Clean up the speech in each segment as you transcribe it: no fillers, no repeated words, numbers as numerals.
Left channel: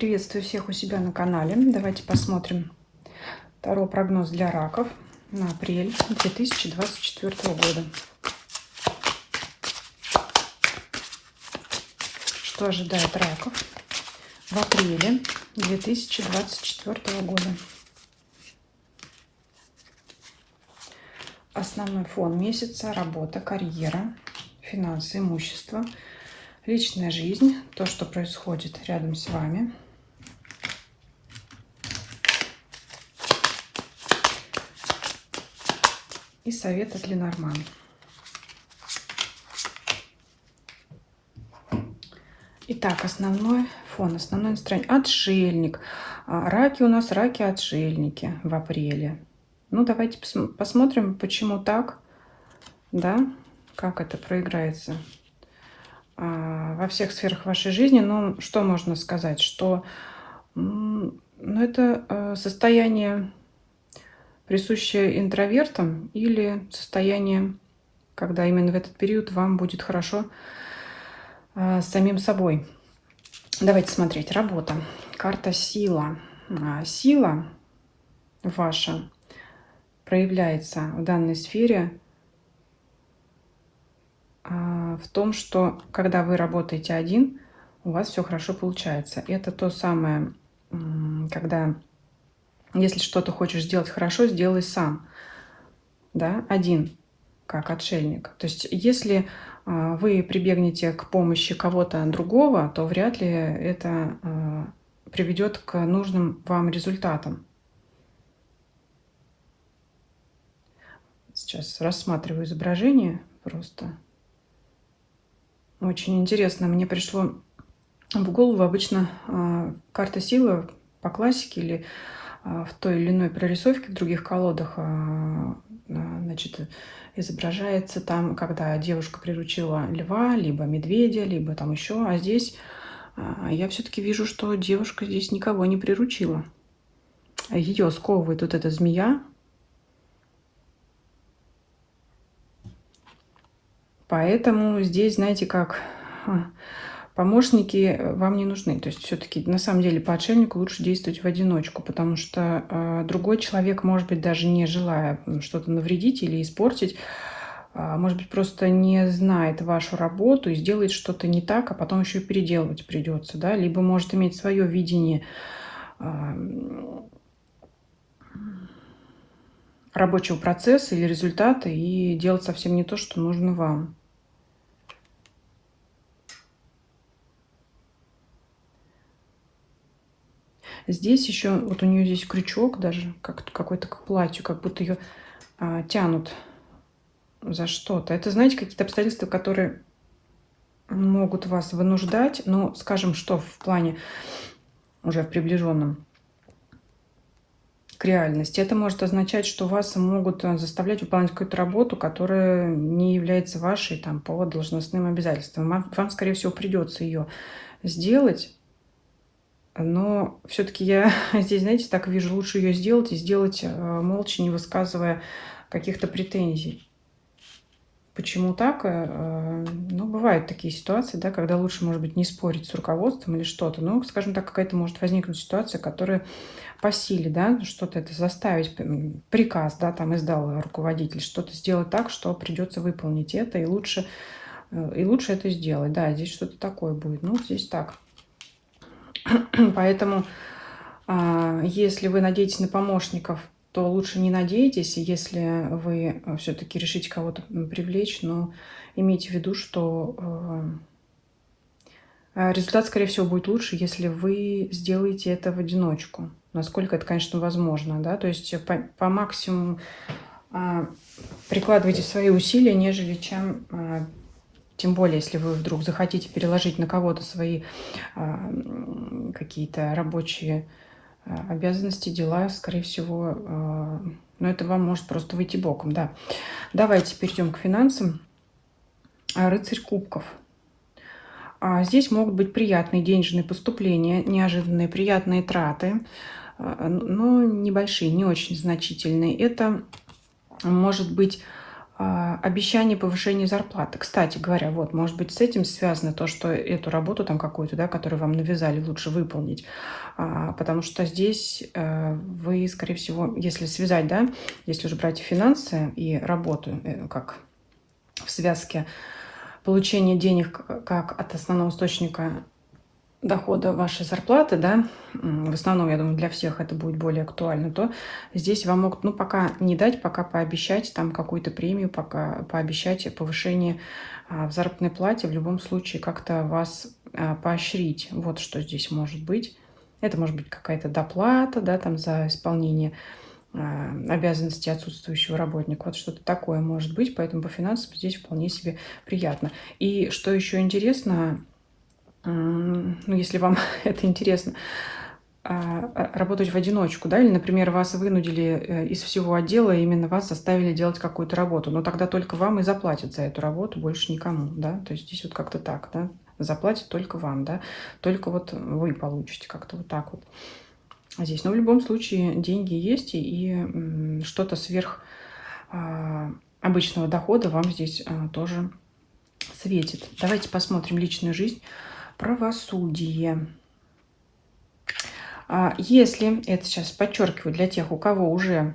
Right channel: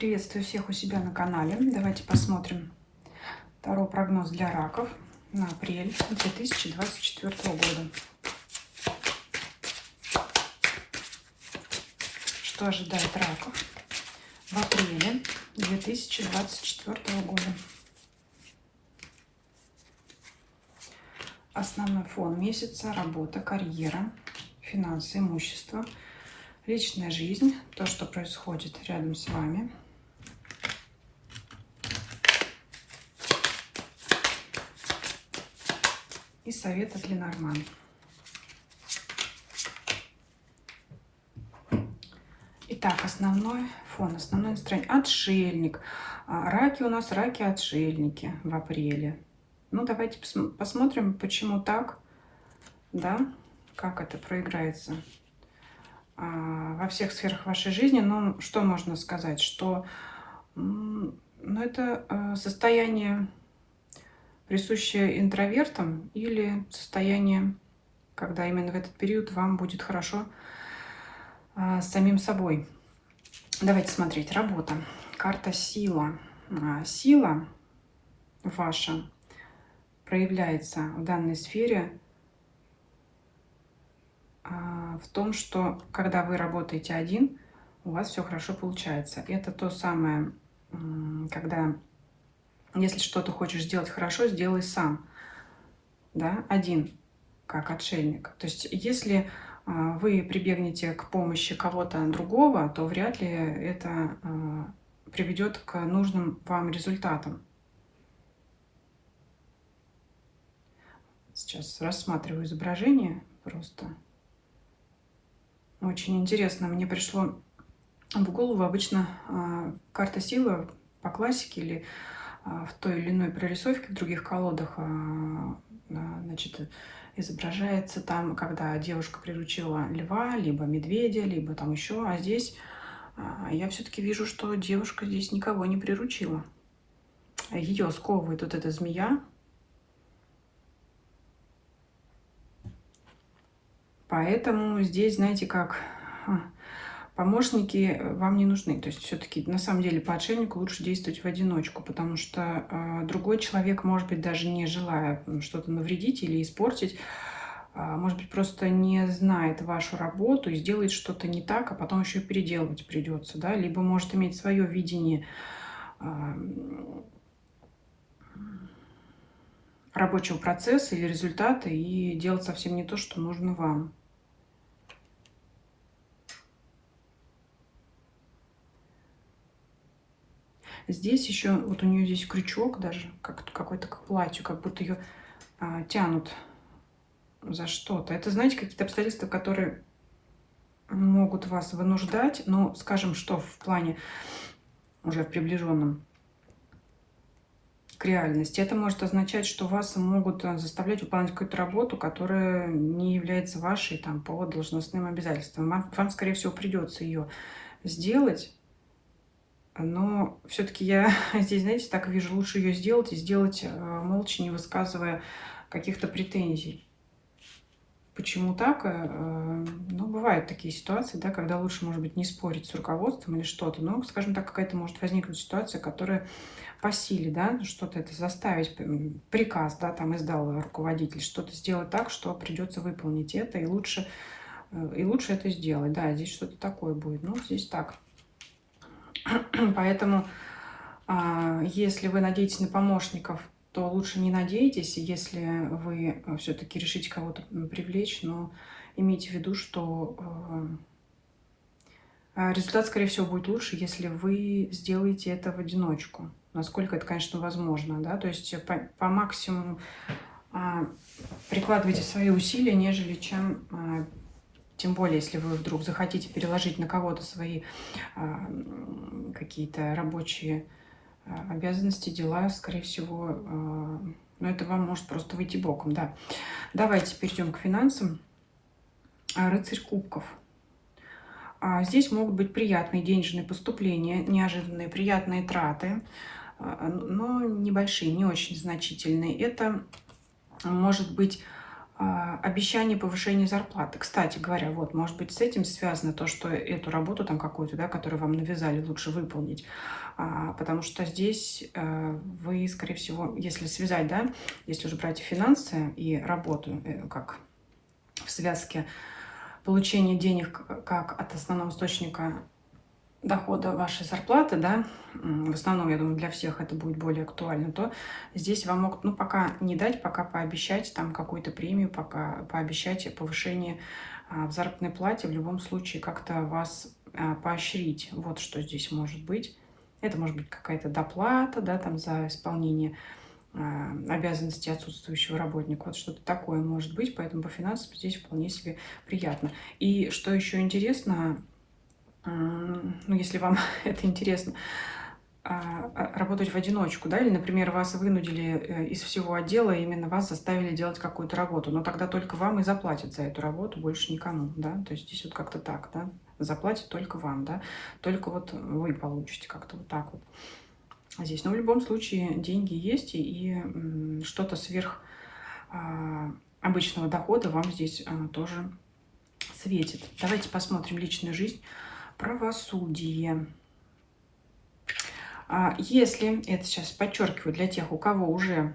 Приветствую всех у себя на канале. Давайте посмотрим второй прогноз для раков на апрель 2024 года. Что ожидает раков в апреле 2024 года? Основной фон месяца: работа, карьера, финансы, имущество, личная жизнь, то, что происходит рядом с вами. И совет от Ленорман. Итак, основной фон, основное настроение. Отшельник. Раки у нас раки-отшельники в апреле. Ну, давайте посмотрим, почему так, да, как это проиграется во всех сферах вашей жизни. Ну, что можно сказать, что это состояние, присущее интровертам, или состояние, когда именно в этот период вам будет хорошо с самим собой. Давайте смотреть. Работа. Карта сила. Сила ваша проявляется в данной сфере в том, что когда вы работаете один, у вас все хорошо получается. Это то самое, когда если что-то хочешь сделать хорошо, сделай сам, да, один, как отшельник. То есть если вы прибегнете к помощи кого-то другого, то вряд ли это приведет к нужным вам результатам. Сейчас рассматриваю изображение просто. Очень интересно. Мне пришло в голову обычно карта силы по классике или в той или иной прорисовке в других колодах, значит, изображается там, когда девушка приручила льва, либо медведя, либо там еще. А здесь я все-таки вижу, что девушка здесь никого не приручила. Ее сковывает вот эта змея. Поэтому здесь, знаете, как помощники вам не нужны. То есть все-таки на самом деле по отшельнику лучше действовать в одиночку, потому что другой человек, может быть, даже не желая что-то навредить или испортить, может быть, просто не знает вашу работу и сделает что-то не так, а потом еще и переделывать придется, да, либо может иметь свое видение рабочего процесса или результата и делать совсем не то, что нужно вам. Здесь еще, вот у нее здесь крючок даже, как какой-то к платью, как будто ее тянут за что-то. Это, знаете, какие-то обстоятельства, которые могут вас вынуждать, но, скажем, что в плане уже приближенном к реальности. Это может означать, что вас могут заставлять выполнять какую-то работу, которая не является вашей там по должностным обязательствам. Вам, скорее всего, придется ее сделать. Но все-таки я здесь, знаете, так вижу, лучше ее сделать и сделать молча, не высказывая каких-то претензий. Почему так? Ну, бывают такие ситуации, да, когда лучше, может быть, не спорить с руководством или что-то. Но, скажем так, какая-то может возникнуть ситуация, которая по силе, да, что-то это заставить, приказ, да, там издал руководитель, что-то сделать так, что придется выполнить это, и лучше это сделать. Да, здесь что-то такое будет. Ну, здесь так. Поэтому, если вы надеетесь на помощников, то лучше не надейтесь. Если вы все-таки решите кого-то привлечь, но имейте в виду, что результат, скорее всего, будет лучше, если вы сделаете это в одиночку. Насколько это, конечно, возможно, да, то есть по максимуму прикладывайте свои усилия, нежели чем... Тем более, если вы вдруг захотите переложить на кого-то свои какие-то рабочие обязанности, дела, скорее всего, но это вам может просто выйти боком, да. Давайте перейдем к финансам. Рыцарь кубков. Здесь могут быть приятные денежные поступления, неожиданные приятные траты, но небольшие, не очень значительные. Это может быть обещание повышения зарплаты. Кстати говоря, вот, может быть, с этим связано то, что эту работу там какую-то, да, которую вам навязали, лучше выполнить. Потому что здесь вы, скорее всего, если связать, да, если уже брать и финансы, и работу, как в связке получения денег как от основного источника дохода вашей зарплаты, да, в основном, я думаю, для всех это будет более актуально, то здесь вам могут, ну, пока не дать, пока пообещать там какую-то премию, пока пообещать повышение в заработной плате, в любом случае как-то вас поощрить. Вот что здесь может быть. Это может быть какая-то доплата, да, там за исполнение обязанностей отсутствующего работника. Вот что-то такое может быть, поэтому по финансам здесь вполне себе приятно. И что еще интересно, ну, если вам это интересно, работать в одиночку, да, или, например, вас вынудили из всего отдела, именно вас заставили делать какую-то работу, но тогда только вам и заплатят за эту работу, больше никому, да, то есть здесь вот как-то так, да, заплатят только вам, да, только вот вы получите как-то вот так вот здесь. Но в любом случае деньги есть, и что-то сверх обычного дохода вам здесь тоже светит. Давайте посмотрим личную жизнь. Правосудие. Если, это сейчас подчеркиваю для тех, у кого уже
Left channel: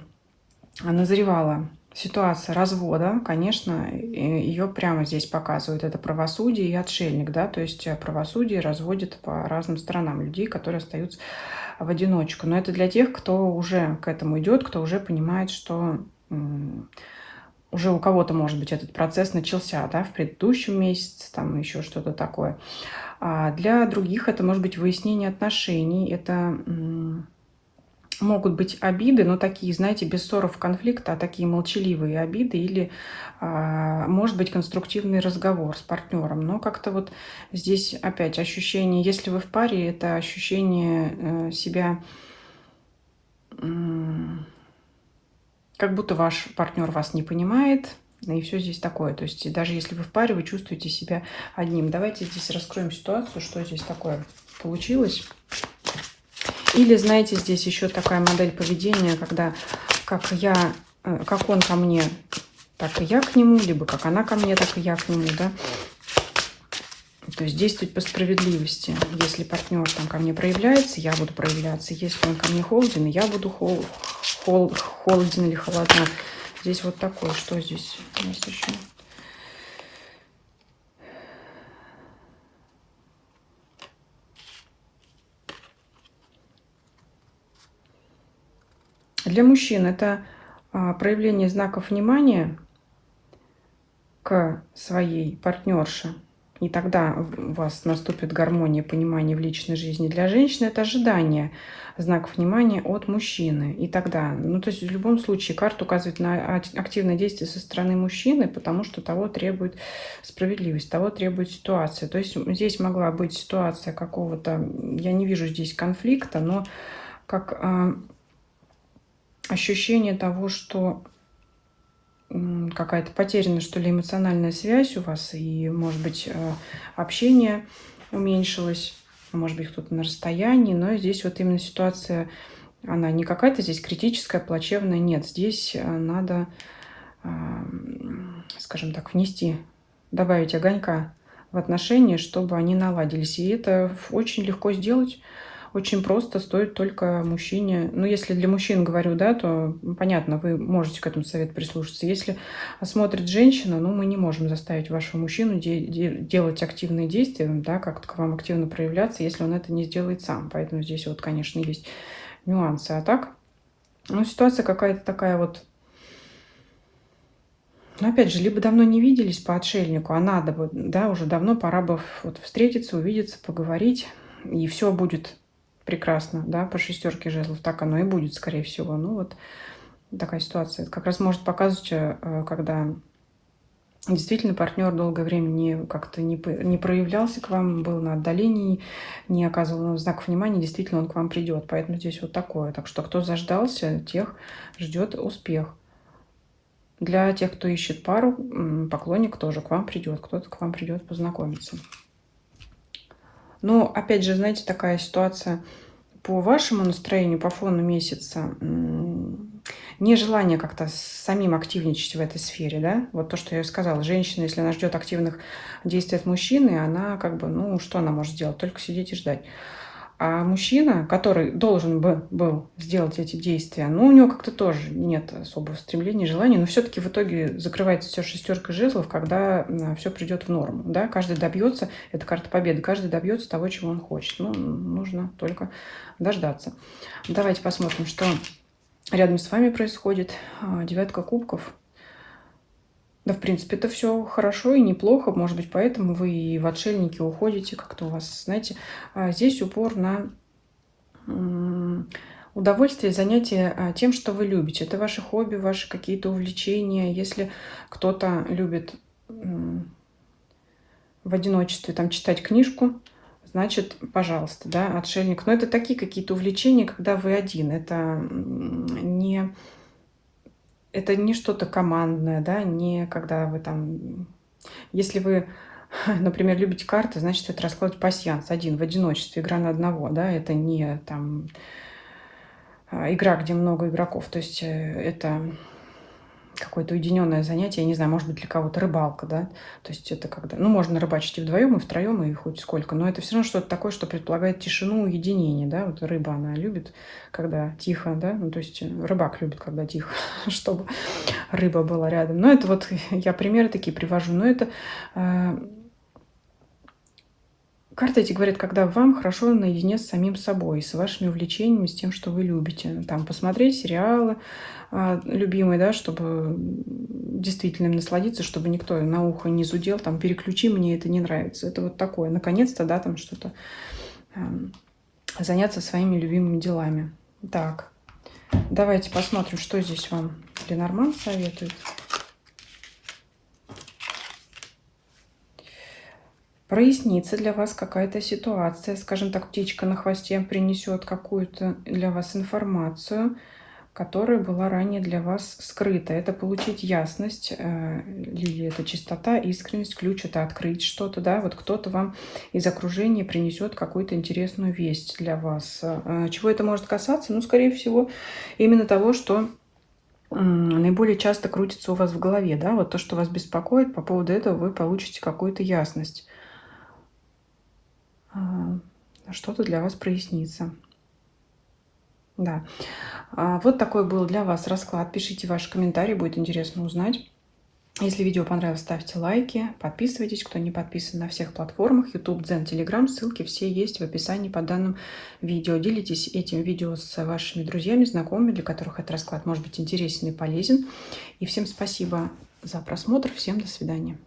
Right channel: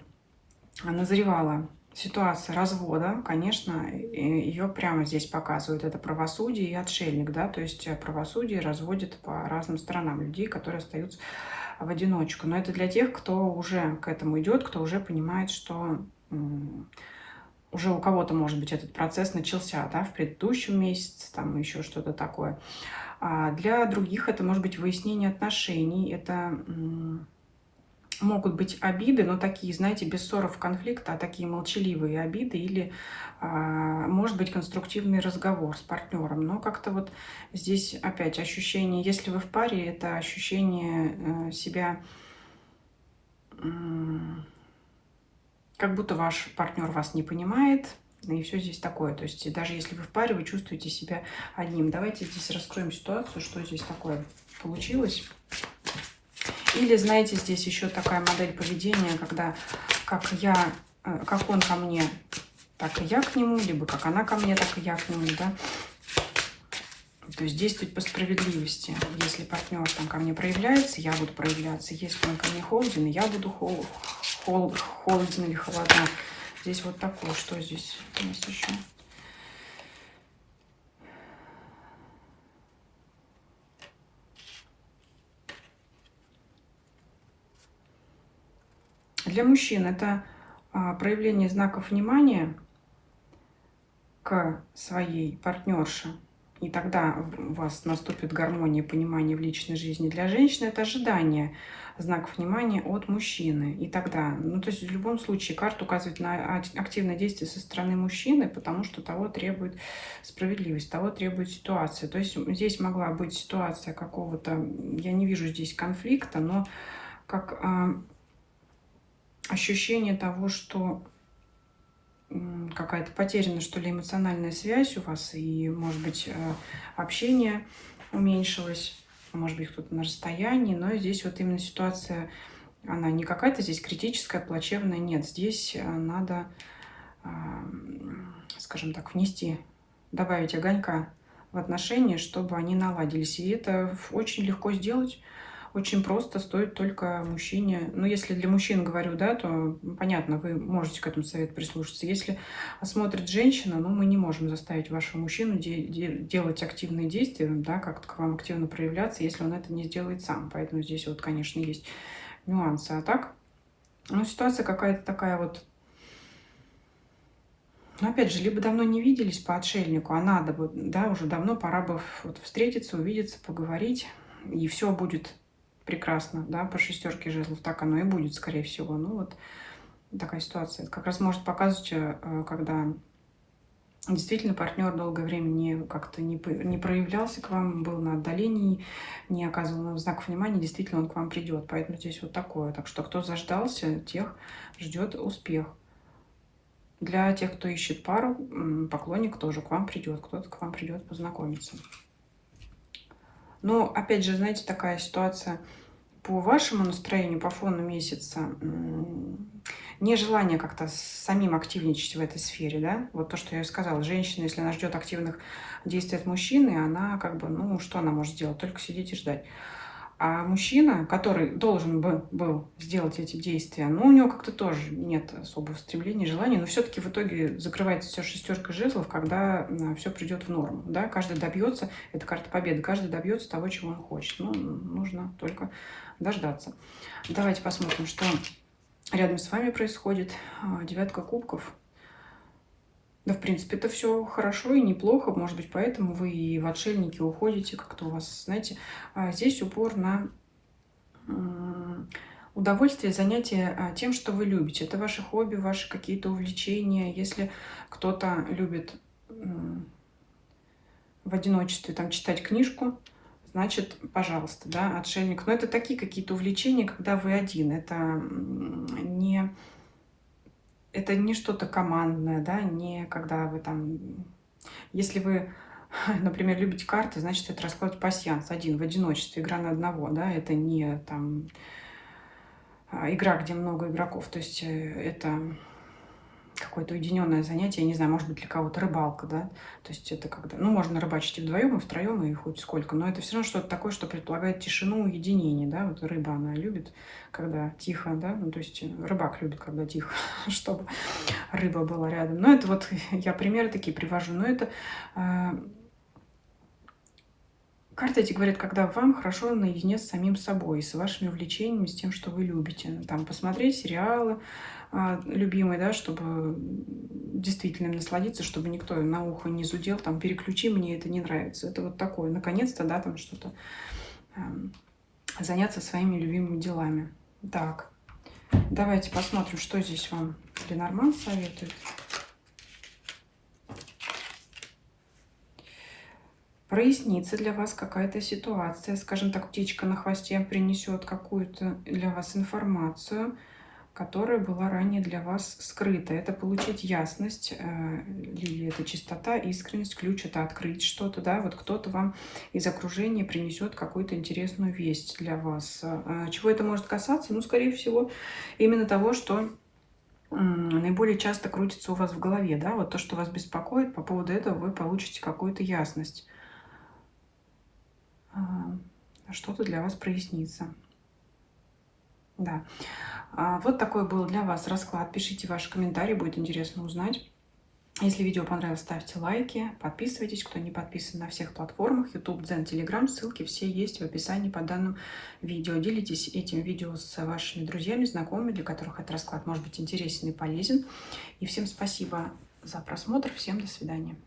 назревала ситуация развода, конечно, ее прямо здесь показывают. Это правосудие и отшельник, да, то есть правосудие разводит по разным сторонам людей, которые остаются в одиночку. Но это для тех, кто уже к этому идет, кто уже понимает, что уже у кого-то, может быть, этот процесс начался, да, в предыдущем месяце, там еще что-то такое. А для других это может быть выяснение отношений, это могут быть обиды, но такие, знаете, без ссоров, конфликта, а такие молчаливые обиды, или, может быть, конструктивный разговор с партнером. Но как-то вот здесь опять ощущение, если вы в паре, это ощущение себя, как будто ваш партнер вас не понимает, и все здесь такое. То есть даже если вы в паре, вы чувствуете себя одним. Давайте здесь раскроем ситуацию, что здесь такое получилось. Или, знаете, здесь еще такая модель поведения, когда как он ко мне, так и я к нему, либо как она ко мне, так и я к нему, да. То есть действовать по справедливости. Если партнер там ко мне проявляется, я буду проявляться. Если он ко мне холоден, я буду холоден или холодна. Здесь вот такое. Что здесь у нас еще? Для мужчин это проявление знаков внимания к своей партнерше. И тогда у вас наступит гармония, понимание в личной жизни. Для женщины это ожидание знаков внимания от мужчины. И тогда, ну то есть в любом случае карта указывает на активное действие со стороны мужчины, потому что того требует справедливость, того требует ситуация. То есть здесь могла быть ситуация какого-то, я не вижу здесь конфликта, но как ощущение того, что какая-то потеряна, что ли, эмоциональная связь у вас, и, может быть, общение уменьшилось, может быть, кто-то на расстоянии, но здесь вот именно ситуация, она не какая-то здесь критическая, плачевная, нет, здесь надо, скажем так, добавить огонька в отношения, чтобы они наладились, и это очень легко сделать. Очень просто, стоит только мужчине. Ну, если для мужчин говорю, да, то понятно, вы можете к этому совету прислушаться. Если смотрит женщина, ну, мы не можем заставить вашего мужчину делать активные действия, да, как-то к вам активно проявляться, если он это не сделает сам. Поэтому здесь вот, конечно, есть нюансы. А так, ну, ситуация какая-то такая вот. Но опять же, либо давно не виделись по отшельнику, а надо бы, да, уже давно пора бы вот встретиться, увидеться, поговорить, и все будет прекрасно, да, по шестерке жезлов, так оно и будет, скорее всего. Ну вот такая ситуация. Это как раз может показывать, когда действительно партнер долгое время как-то не проявлялся к вам, был на отдалении, не оказывал знаков внимания, действительно он к вам придет. Поэтому здесь вот такое. Так что кто заждался, тех ждет успех. Для тех, кто ищет пару, поклонник тоже к вам придет, кто-то к вам придет познакомиться. Но, опять же, знаете, такая ситуация по вашему настроению, по фону месяца. нежелание как-то самим активничать в этой сфере, да. Вот то, что я и сказала. Женщина, если она ждет активных действий от мужчины, она как бы, ну, что она может сделать? Только сидеть и ждать. А мужчина, который должен бы был сделать эти действия, ну, у него как-то тоже нет особого стремления, желания, но все-таки в итоге закрывается все шестерка жезлов, когда все придет в норму, да, каждый добьется, это карта победы, каждый добьется того, чего он хочет, ну, нужно только дождаться. Давайте посмотрим, что рядом с вами происходит. Девятка кубков. Да, в принципе, это все хорошо и неплохо. Может быть, поэтому вы и в отшельники уходите, как-то у вас, знаете, здесь упор на удовольствие, занятие тем, что вы любите. Это ваши хобби, ваши какие-то увлечения. Если кто-то любит в одиночестве там читать книжку, значит, пожалуйста, да, отшельник. Но это такие какие-то увлечения, когда вы один. Это не что-то командное, да, не когда вы там... Если вы, например, любите карты, значит, это расклад пасьянс один в одиночестве, игра на одного, да, это не там игра, где много игроков, то есть это какое-то уединенное занятие, я не знаю, может быть, для кого-то рыбалка, да, то есть это когда, ну, можно рыбачить и вдвоем, и втроем, и хоть сколько, но это все равно что-то такое, что предполагает тишину, уединение, да, вот рыба, она любит, когда тихо, да, ну, то есть рыбак любит, когда тихо, чтобы рыба была рядом, но это вот я примеры такие привожу, но это карты эти говорят, когда вам хорошо наедине с самим собой, с вашими увлечениями, с тем, что вы любите. Там посмотреть сериалы любимые, да, чтобы действительно им насладиться, чтобы никто на ухо не зудел, там, переключи, мне это не нравится. Это вот такое. Наконец-то, да, там что-то заняться своими любимыми делами. Так, давайте посмотрим, что здесь вам Ленорман советует. Прояснится для вас какая-то ситуация, скажем так, птичка на хвосте принесет какую-то для вас информацию, которая была ранее для вас скрыта. Это получить ясность, лилия, это чистота, искренность, ключ это открыть что-то, да, вот кто-то вам из окружения принесет какую-то интересную весть для вас. Чего это может касаться? Ну, скорее всего, именно того, что наиболее часто крутится у вас в голове, да, вот то, что вас беспокоит, по поводу этого вы получите какую-то ясность. Что-то для вас прояснится. Да. Вот такой был для вас расклад. Пишите ваши комментарии, будет интересно узнать. Если видео понравилось, ставьте лайки, подписывайтесь, кто не подписан на всех платформах, YouTube, Дзен, Telegram, ссылки все есть в описании по данному видео. Делитесь этим видео с вашими друзьями, знакомыми, для которых этот расклад может быть интересен и полезен. И всем спасибо за просмотр, всем до свидания.